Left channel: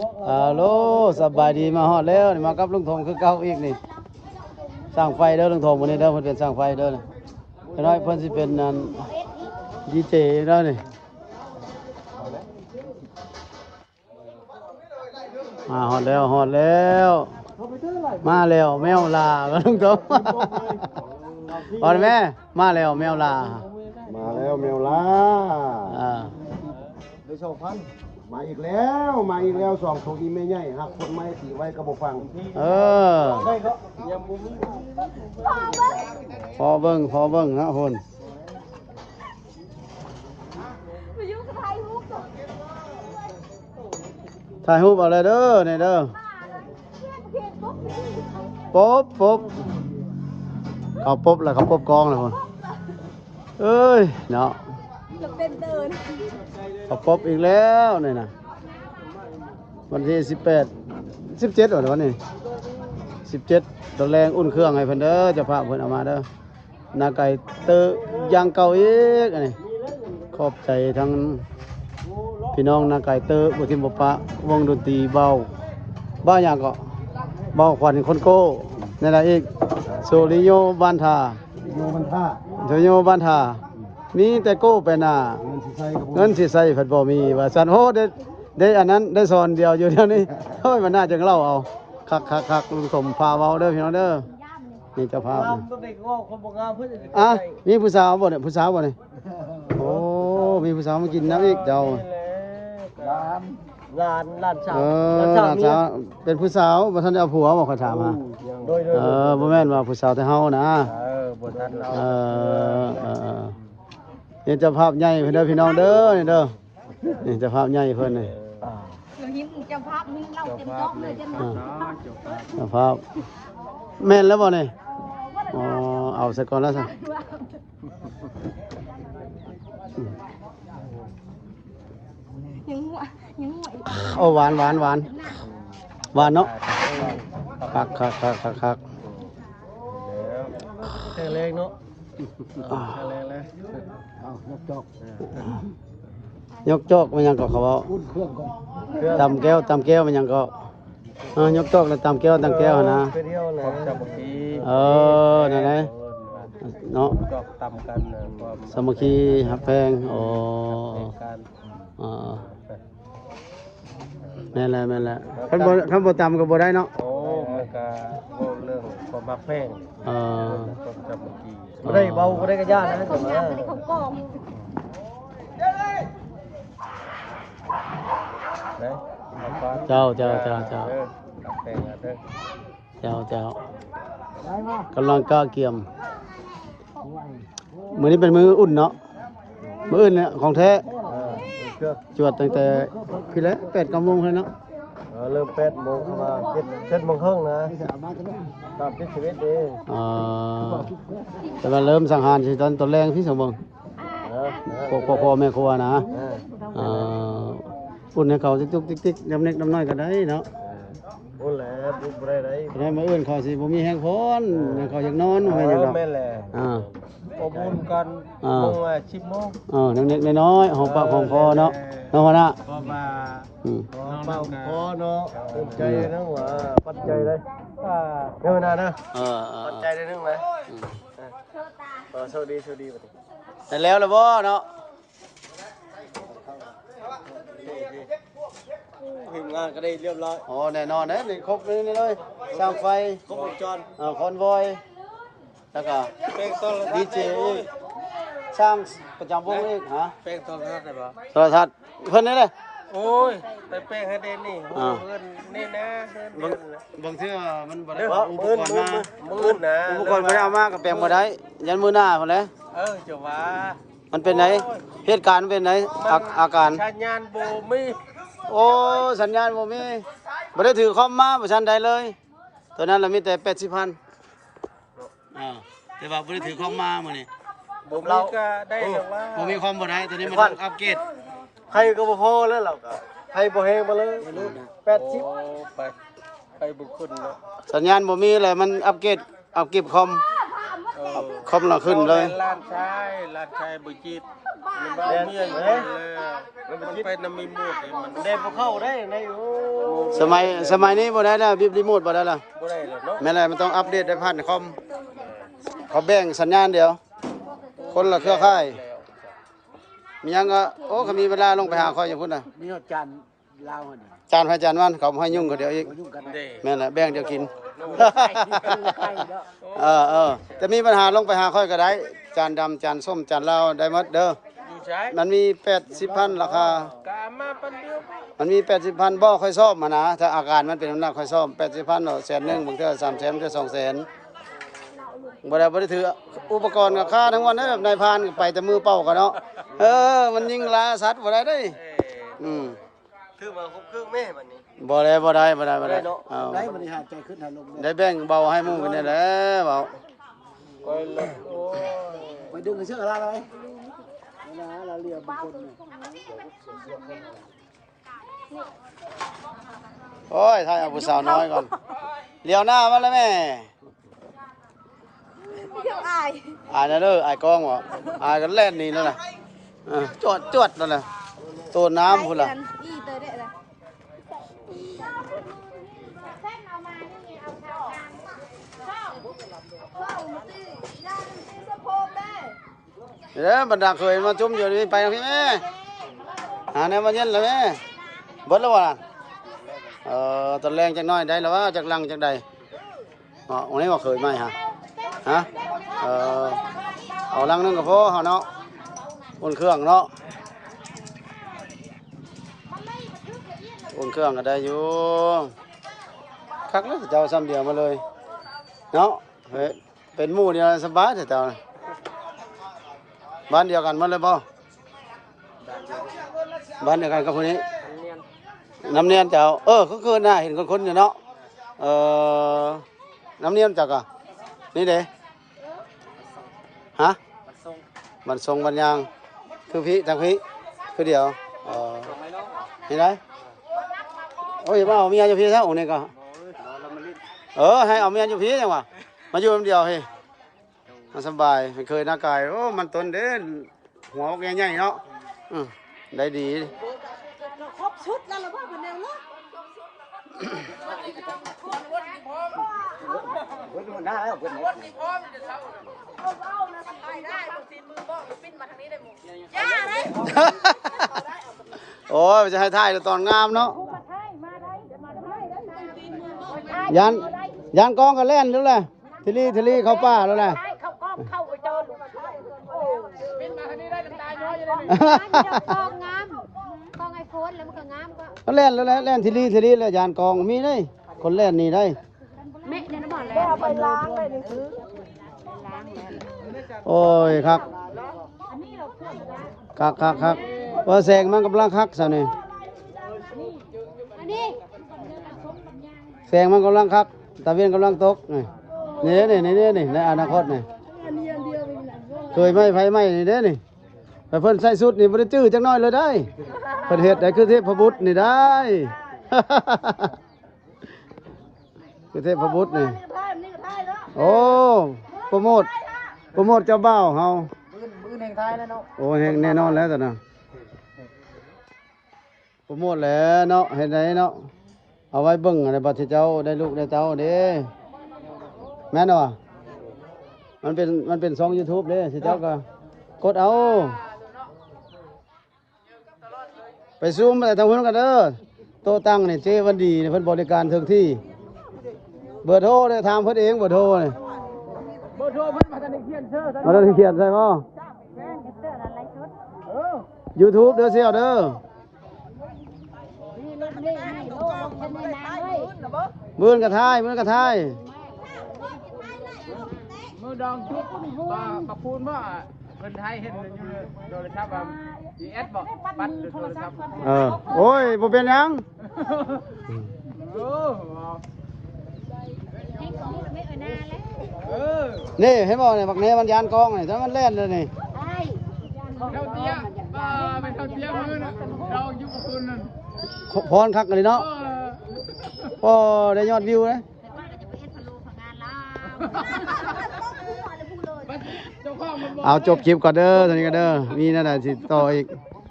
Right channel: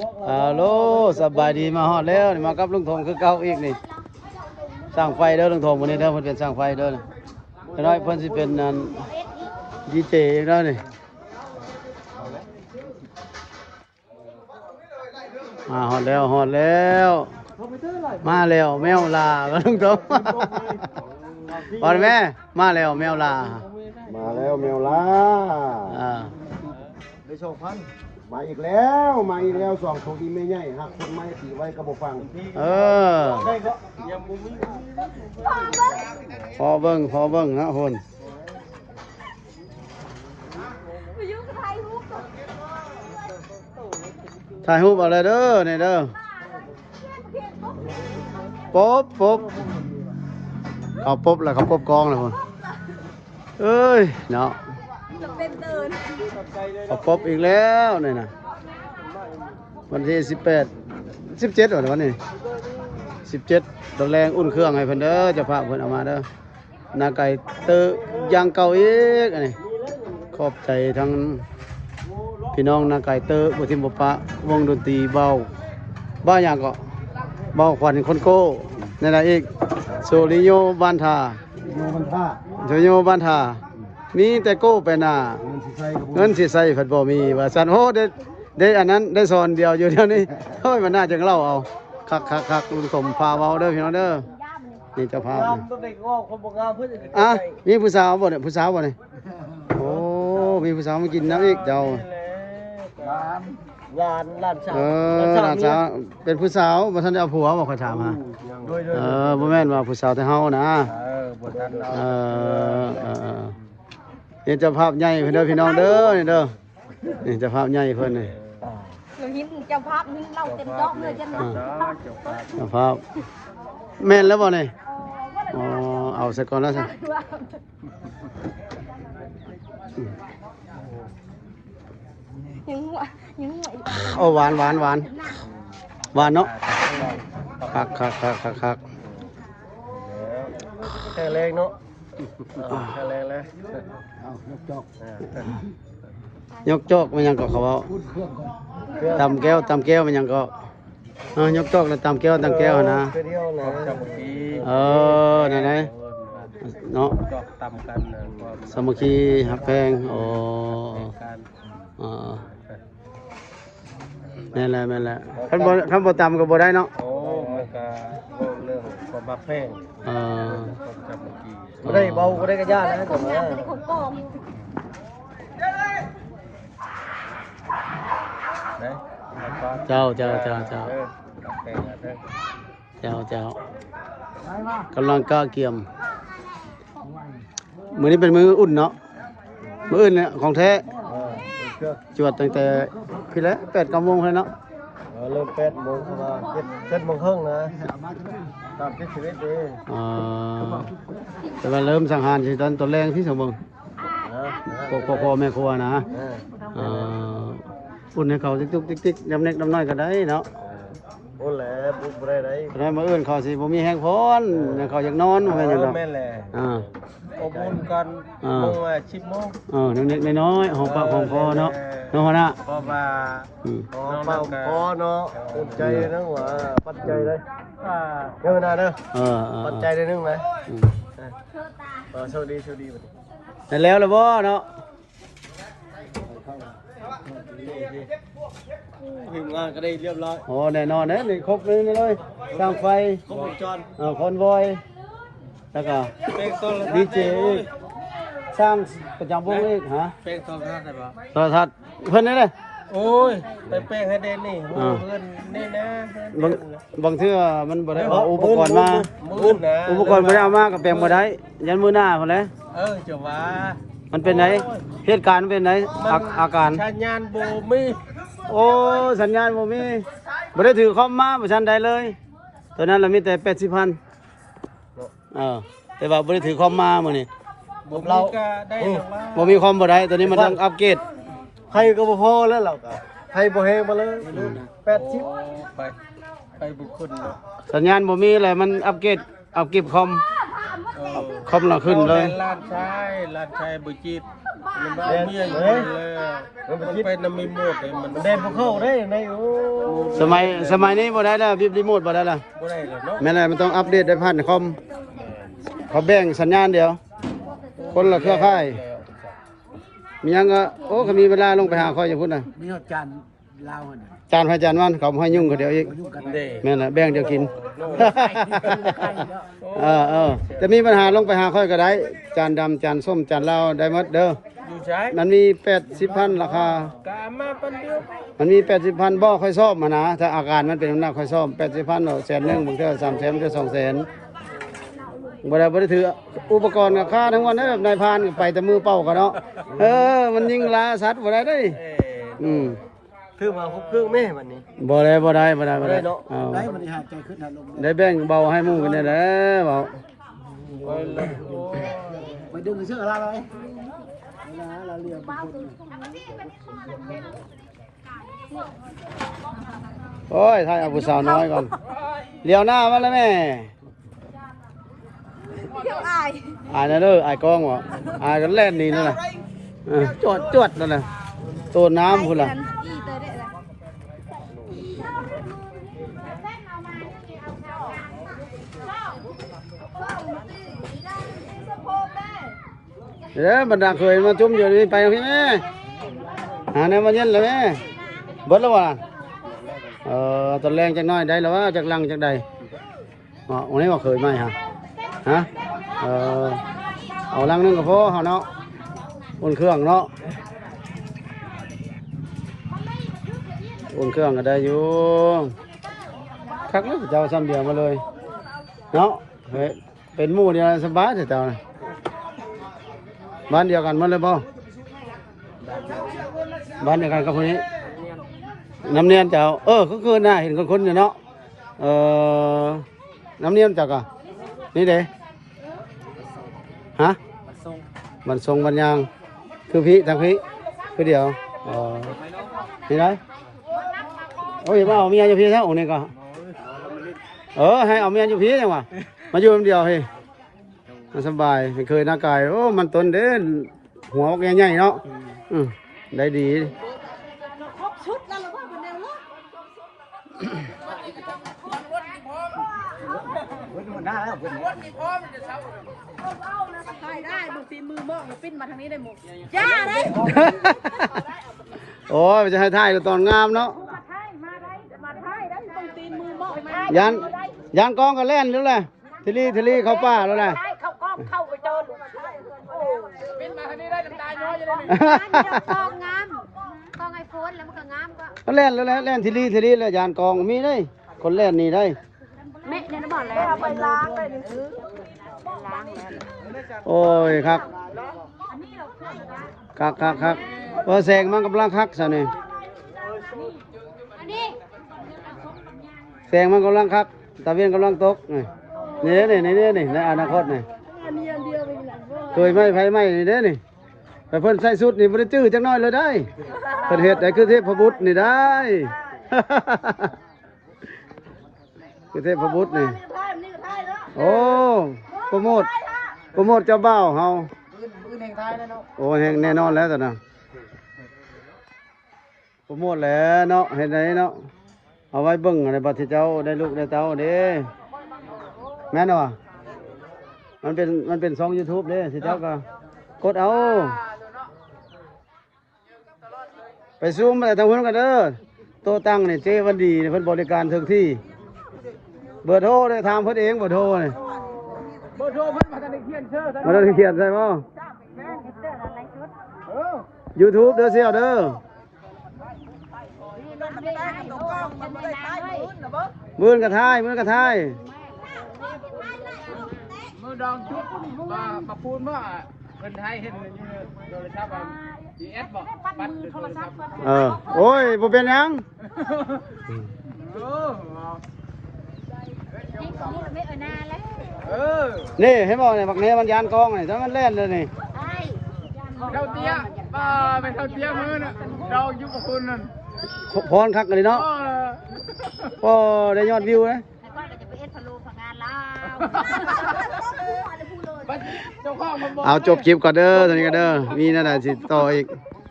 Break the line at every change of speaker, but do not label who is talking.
ฮัลโหลสบายดีมาฮอดแล้วนี่มากับลุงทงคือเก่าอีกนี่สร้างไฟเด้อลุงทงวันนี้เด้อเพิ่นเป็นสร้างไฟเด้อนะจะน้อยเพิ่นสิเป็นนั่นดีเจอีกแล้วนี่มาฮอดแล้วฮอดแล้ว มาแล้วแมวลาลุงทงฮอดแม่มาแล้วแมวลา
มาแล้วแมวล่า
อ่า
ได้สองพัน มาอีกแล้วมาอีกแล้วสองทงอีไม่ใหญ่หักคนไม้สีไว้กระบอฟัง
เออพอเบิ่งพอเบิ่งนะคน
ไปยุ่งกับไทยฮุบ
ถ่ายรูปอะไรเด้อนี่เด้อป๊บป๊บเขาป๊บแล้วเขาป๊บกองเลยคนเอ้ยเนาะ
เต็มเดิน
เขาป๊บอีกแล้วนี่นะวันที่สิบแปดสิบเจ็ดวันนี้สิบเจ็ดตอนแรงอุ่นเครื่องให้เพิ่นเด้อเจะพาเพิ่นเอามาเด้อหนาไก่เตออยางเก่าอีกอันนี้ขอบใจทั้งพี่น้องนาไก่เตอร์บุทิมบปะวงดนตรีเบาบ้าอย่างก็เบาขวัญคนโก้นั่นแหละอีกโซลิโยบ้านทา
โยมันท่า
โซลิโยบ้านทา มีแต่โก้ไปหน้า
มันสิใส่กระบอก
เงินสิใส่ผัดบ่มีว่าสันโหได้ได้อันนั้นได้สอนเดียวอยู่เดี๋ยวนี้เฮ้ยมันน่าจะเล่าเอาคักคักคักลุงสมพาเบาเด้อพี่น้องเด้อนี่เจ้าภาพนี่
ต้องไปง้อคนบอกงามเพื่อน
อะมีผู้สาวบ่เนี่ยผู้สาวบ่เนี่ยโอ้มีผู้สาวมากินน้ำอีกเจ้า
งานลานสาว
เออหลานสาวเป็นผู้สาวบ่ทันได้เอาผัวบ่เขาถามหา
โดยโดย
เออบ่แม่นว่าผู้สาวแต่เฮานะ
เออบนนั้นเรา
เออเออเออ นี่เจ้าภาพใหญ่เพิ่อนเด้อพี่น้องเด้อนี่เด้อนี่เจ้าภาพใหญ่เพิ่นนี่
เราหินเจ้าภาพนี่เราเต็มกล้องเลยจังหวะ
เจ้าภาพแม่นแล้วบ่นี่อ๋อเอาซะก่อนแล้วซะ
ยังหัวยังหัว
โอ้หวานหวานหวานหวานเนาะคักคักคักคักคัก
แค่เล็กเนาะ แค่เล็กเลย
เอายกจอก
ยกจอกมันยังก็เขาเว้าตำแก้วตำแก้วมันยังก็เออยกจอกแล้วตำแก้วตำแก้วนะ
เพื่อเดียวนะจำปี
เออนั่นไงเนาะ
จอกตำกันนะความ
สามัคคีหักแพงโอ้
การ
เออแม่นแหละแม่นแหละคันบ่คันบ่ตำก็บ่ได้เนาะ
โอ้มันก็เรื่องความบักแพง
เออ
ความจำปีไม่ได้เบาไม่ได้กระยานนะแต่ว่า
เป็นคนกอง
ได้
เจ้าเจ้าเจ้าเจ้า
เออบักแพงอะเด้อ
เจ้าเจ้ากำลังกล้าเกี่ยมมื้อนี้เป็นมื้ออุ่นเนาะมื้ออื่นเนี่ยของแท้
เออเชื่อ
จวดตั้งแต่พี่แล้ว8 9โมงเลยเนาะ
เออเริ่มแปดโมงเข้ามาเจ็ดเจ็ดโมงครึ่งนะ ตามที่ชีวิตดี
เออแต่ว่าเริ่มสังหารสิตอนตอนแรงที่สมบูรณ์
นะนะ
พ่อพ่อพ่อแม่ครัวนะ
เออ
เอออุ่นให้เขาติ๊กติ๊กติ๊กๆดำเน็กดำน้อยก็ได้เนาะ
โอ้แหละบุกบ่ได้ไร
แต่ว่ามื้ออื่นเขาสิบ่มีแห้งพรเขาอยากนอนว่าอย่างดอก
แม่นแหละ
อ่า
อบอุ่นกัน
อ่า
โมงอะชิบโมง
เออเล็กๆน้อยๆหอมปากหอมคอเนาะเนาะหัวหน้า
เพราะว่า
อืม
ปังพอเนาะอุ่นใจนะว่าปัจจัยเลยอ่าเงินนะนะ
เออเออ
ปัจ
เอ
จัย
อ
ได้นึงไหม
อืม
เออโชคดีโชคดี
ได้แล้วล่ะบ่เนาะ
ถึงงานก็ได้เรียบร้อย
โอ้แน่นอนเด้นี่ครบเลยนี่เลยสร้างไฟ
ครบวงจร
เอ่อคอนวอย แล้วก็
เป็นต้น
ดีเจอีกสร้างประจำวงอีกฮะ
เป็นต้นท่าได้ปะ
โทรทัศน์เพิ่นนี่เลย
โอ้ยไปแป้งให้เด่นนี่โอ้เพื่อนนี่นะเพื่อน
บางบางเทื่อมันบ่ได้
เอ
เอาอุปกรณ์มา
มืดนะ
อุปกรณ์บ่ได้เอามาก็แปลงบ่ได้ยันมื้อหน้าพุ่นแหละ
เออจะว่า
มันเป็นไหนเหตุการณ์มันเป็นไหนอาอาการ
ชัญญาณโบมี
โอ้สัญญาณบ่มีบ่ได้ถือคอมมาบ่ทันใดเลยตัวนั้นเรามีแต่80,000 เออแต่ว่าบ่ได้ถือคอมมามื้อนี้
ผมเรา ก็ได้แต่ว่า
บ่มีคอมบ่ได้ตัวนี้มันต้องอัปเกรด
ใครก็บ่พอแล้วเราก็ใครบ่แฮงมาเลยแปดสิบไปไปบุคคล
สัญญาณบ่มีเลยมันอัปเกรดอัปเกรดคอมคอมเราขึ้นเลย
ลาดชายลาดชายบุจิตมันบ้าเมียอยู่แล้วมันเป็นน้ำมีหมดเลยมันเด่นพวกเขาได้ในโอ้
สมัยสมัยนี้บ่ได้แล้วบิบรีโมทบ่ได้ละ
บ่ได้หรอกเนาะ
แม่นอะไรมันต้องอัปเดตได้ผ่านคอม เขาแบ่งสัญญาณเดียว คนละเครือข่าย มีหยังก็โอ้เขามีเวลาลงไปหาคอยอย่างพุ่นน่ะ
นี่จานลาวน่ะ
จานพระจานวันเขาบ่ให้ยุ่งเขาเดียวอีก
เด้
แม่นน่ะแบ่งเดียวกิน เออเออจะมีปัญหาลงไปหาค่อยก็ได้ จานดำจานส้มจานเหล้าได้หมดเด้อ
อยู่ใช้
มันมี80พันราคา
กามาปันเดียว
มันมี80พันบ่ค่อยชอบมานะ ถ้าอาการมันเป็นน้ำหนักค่อยชอบ80พันเนาะแสนหนึงบางเทื่อ3แสนบางเทื่อ2แสน บ่ได้บ่ได้ถืออุปกรณ์กับค่าทั้งวันเด้อแบบนายพรานก็ไปแต่มือเป่ากันเนาะเออ มันยิงลาสัตว์บ่ได้เด้ย
เอ้
อืม
ถือมาคุกครึ่งแม่วันนี้
บ่ได้บ่ได้บ่ได้บ่ได้
บ่ได้เนาะ
เอา
ได้บริหารใจขึ้นหาลง
ได้แบ่งเบาให้หมู่กันได้แหล้วเบา
ไปดึงเสื้ออะไร
โอ้ยถ่ายเอาผู้สาวน้อยก่อนเลี้ยวหน้ามาแล้วแม่
อาย
อายนะเด้ออายกล้องบ่อายกันแล่นนี่นั่นน่ะเออจวดจวดนั่นน่ะตัวน้ำพุ่นล่ะ
อีเตอร์ได้ละ
เด้อบรรดาเคยมาจุ่มอยู่นี่ไปทางพี่แม่หาแนวมาเย็นเลยแม่เบิดแล้วบ่ล่ะเออตอนแรงจักหน้อยได้แล้วว่าจากลังจากใดอ๋อวันนี้ว่าเคยไหมฮะฮะ เออเอาลังนึงก็พอเฮาเนาะอุ่นเครื่องเนาะอุ่นเครื่องก็ได้อยู่คักเลยเจ้าซ้ำเดียวมาเลยเนาะเฮ้ยเป็นหมู่เดียวสบายแต่เจ้าบ้านเดียวกันมันเลยป่อบ้านเดียวกันกับคนนี้น้ำเนียนเจ้าเออก็คือน่าเห็นคนคนๆอยู่เนาะเออน้ำเนียนเจ้าก็นี่เด้ ฮะบันทรงบันยาง คือพี่ทางพี่คือเดียวเออนี่ได้โอ้ยมาเอาเมียอยู่พี่ซะองค์นี้ก็เออให้เอาเมียอยู่พี่จังวะมาอยู่คนเดียวเฮ้ยมันสบายมันเคยหน้ากายโอ้มันต้นเด่นหัวแกใหญ่เนาะอืมได้ดี
ชุดแล้วเราพูดเป็นไงวะ
ได้แล้ว
ได้ได้ดูฝีมือมอกอย่าปิ้นมาทางนี้ได้หมดย่าได้
โอ้ยจะให้ถ่ายตอนงามเนาะ
มาไทยมาได้มาไทยได้ตรงตีมือมอกมา
ยันยันกองก็แล่นแล้วแหละทีรีทีรีเข้าป่าแล้วแหละ
ได้เข้ากล้องเข้าไปเจอลูกโอ้ปิ้นมาทางนี้ได้ตาย้อยอยู่เลยกองงามกองไอ้โฟนแล้วมันก็งามก็
ก็แล่นแล้วแหละแล่นทีรีทีรีแล้วยันกองมีได้คนแล่นนี่ได้
แม่เนี่ยนบอกแล้วไปล้างเลยเออล้างแล้ว
โอ้ยครับคักคักคักว่าแสงมันกำลังคักซะนี่
อันนี้
แสงมันกำลังคักตะเวียนกำลังตกนี่นี่นี่นี่นี่ในอนาคต
นี่เดียวเป็นหลัง
เคยไหมไฟไหมนี่เด้นี่แต่เพิ่นใส่สุดนี่บ่ได้จื้อจักหน้อยเลยได้เพิ่นเฮ็ดได้คือเทพบุตรนี่ได้ คือเทพบุตรนี่
นี่ก็ท้ายนี่ก็ท้ายแล้ว
โอ้โปรโมทโปรโมทเจ้าบ่าวเฮา
มือมือแห่งท้ายแล้วเนาะ
โอ้แห่งแน่นอนแล้วตอนน่ะโปรโมทแล้วเนาะเฮ็ดได้เนาะเอาไว้เบิ่งอะไรบ่ที่เจ้าได้ลูกได้เต้าเด้แม่นบ่มันเป็นมันเป็นช่อง YouTube เด้สิเจ้าก็กดเอาไปซูมอะไรทางเพื่อนกันเด้อโตตั้งนี่เจวันดีนี่เพิ่นบริการถึงที่เบอร์โทรเนี่ยทางเพิ่นเองเบอร์โทรนี่
เบอร์โทรเพิ่นมาจะได้เขียนเสื้อ
มาต้องเขียนใส่บ่
เออ
YouTube เด้อเสียวเด้อมื้อนกระทายมื้อนกระทาย
มือดองชุบมาปะปูนว่าเพิ่นไทยเห็นอยู่ในโทรศัพท์อะดีเอสบอกบัตรหรือโทรศัพท์
เออโอ้ยบ่เป็นหยัง
เออ
นี่ของนี่ไม่เออนาแล้ว
เออ
นี่เห็นบ่เนี่ยบักเนมันยานกองนี่ถ้ามันแล่นเลยนี่
ใช่
เท่าเตี้ยป้าเป็นเท่าเตี้ยมือน่ะดองอยู่กับคุณนั่น
พรคักเลยเนาะ
เออ
โอ้ได้ยอดวิวนะ
แต่ว่าเราจะไปเอสพาโลของงานลาวอะไรพูดเลยบัดเจ้าของมันบอก
เอาจบคลิปก่อนเด้อตอนนี้ก็เด้อมีนั่นแหละสิต่ออีก